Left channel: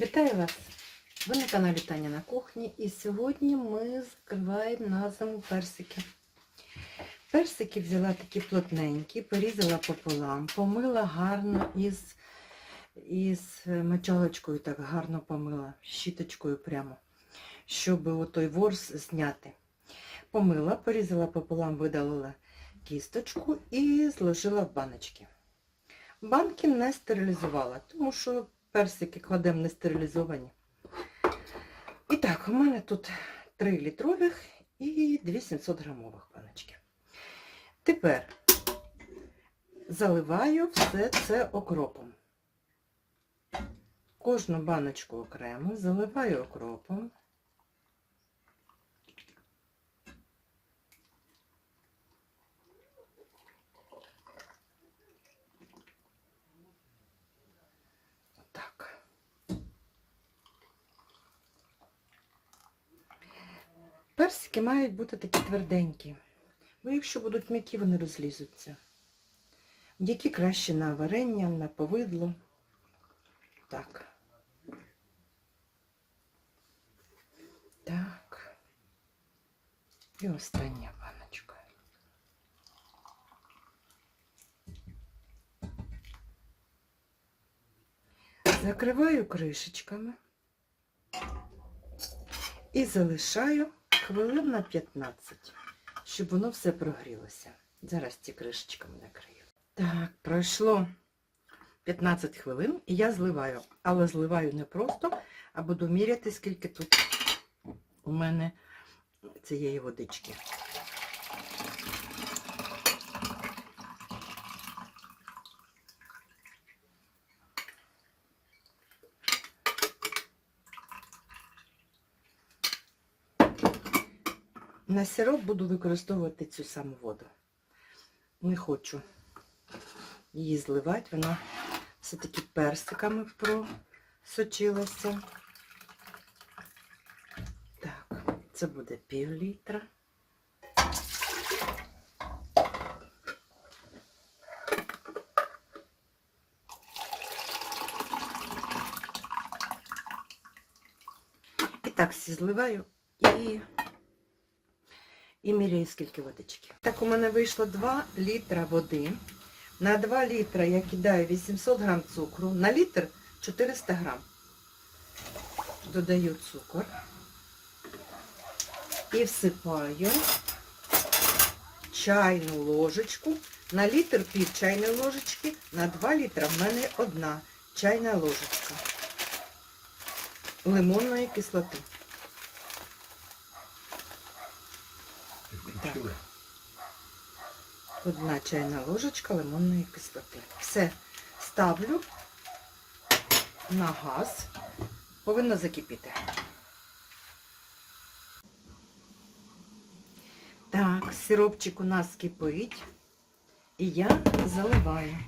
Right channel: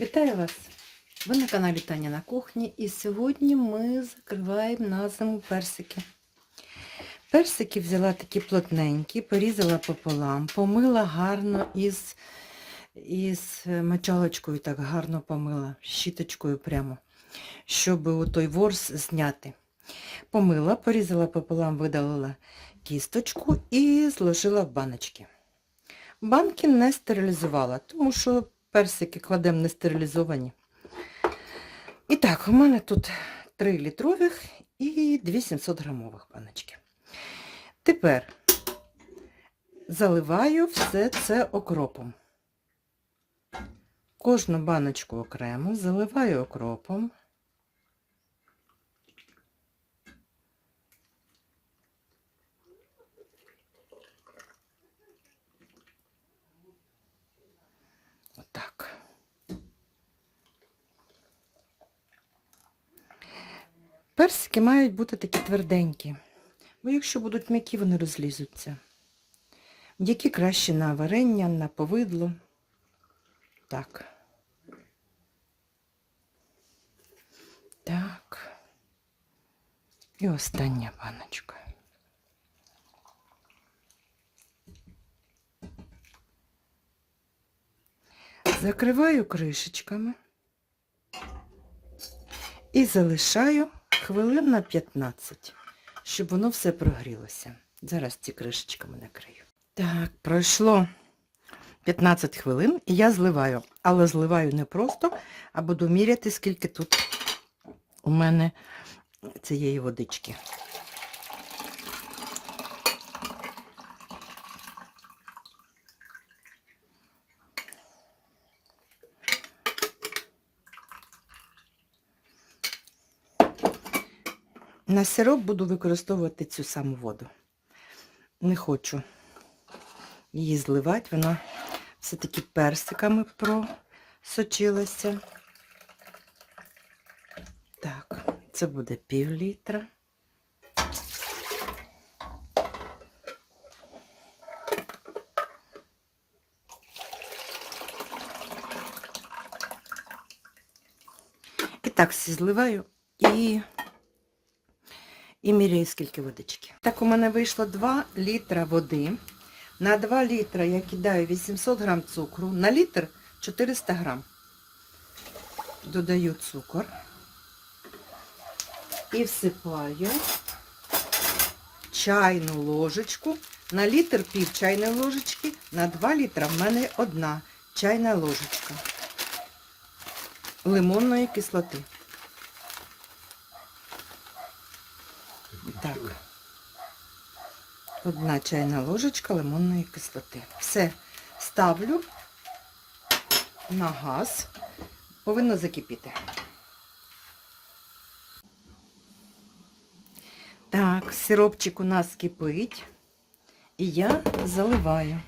Вітаю вас! Ви на каналі Таня на кухні і сьогодні ми закриваємо на зиму персики. Персики взяла такі плотненькі, порізала пополам, помила гарно із, із мочалочкою, так гарно помила, щіточкою прямо, щоб отой ворс зняти. Помила, порізала пополам, видалила кісточку і зложила в баночки. Банки не стерилізувала, тому що персики кладемо не стерилізовані. І так, у мене тут 3 літрових і 2 700 грамових баночки. Тепер заливаю все це окропом. Кожну баночку окремо заливаю окропом. Персики мають бути такі тверденькі, бо якщо будуть м'які, вони розлізуться. Які краще на варення, на повидло. Так. Так. І остання баночка. Закриваю кришечками і залишаю хвилин на 15, щоб воно все прогрілося. Зараз ці кришечками накрию. Так, пройшло 15 хвилин і я зливаю. Але зливаю не просто, а буду міряти, скільки тут у мене цієї водички. На сироп буду використовувати цю саму воду. Не хочу її зливати, вона все-таки персиками просочилася. Так, це буде пів літра. І так всі зливаю і і міряю, скільки водички. Так, у мене вийшло 2 літра води. На 2 літра я кидаю 800 грам цукру, на літр 400 грам. Додаю цукор і всипаю чайну ложечку. На літр пів чайної ложечки, на 2 літра в мене одна чайна ложечка лимонної кислоти. Одна чайна ложечка лимонної кислоти. Все ставлю на газ, повинно закипіти. Так, сиропчик у нас кипить, і я заливаю.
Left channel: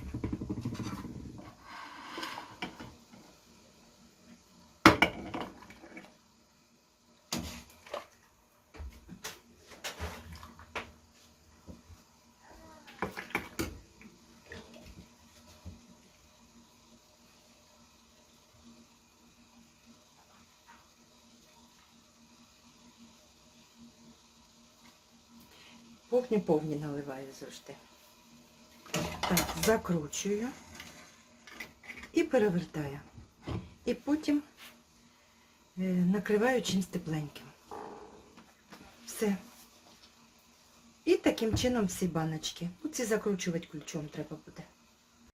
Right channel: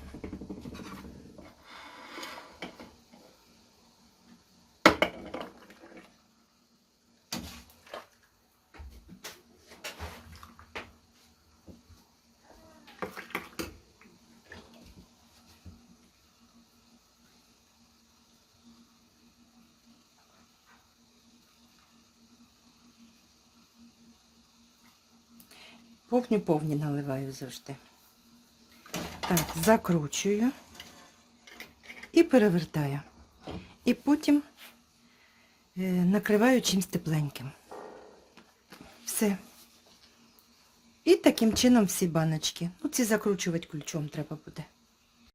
Повні-повні наливаю завжди. Так, закручую і перевертаю. І потім е, накриваю чимось тепленьким. Все. І таким чином всі баночки. Ну, ці закручувати ключом треба буде.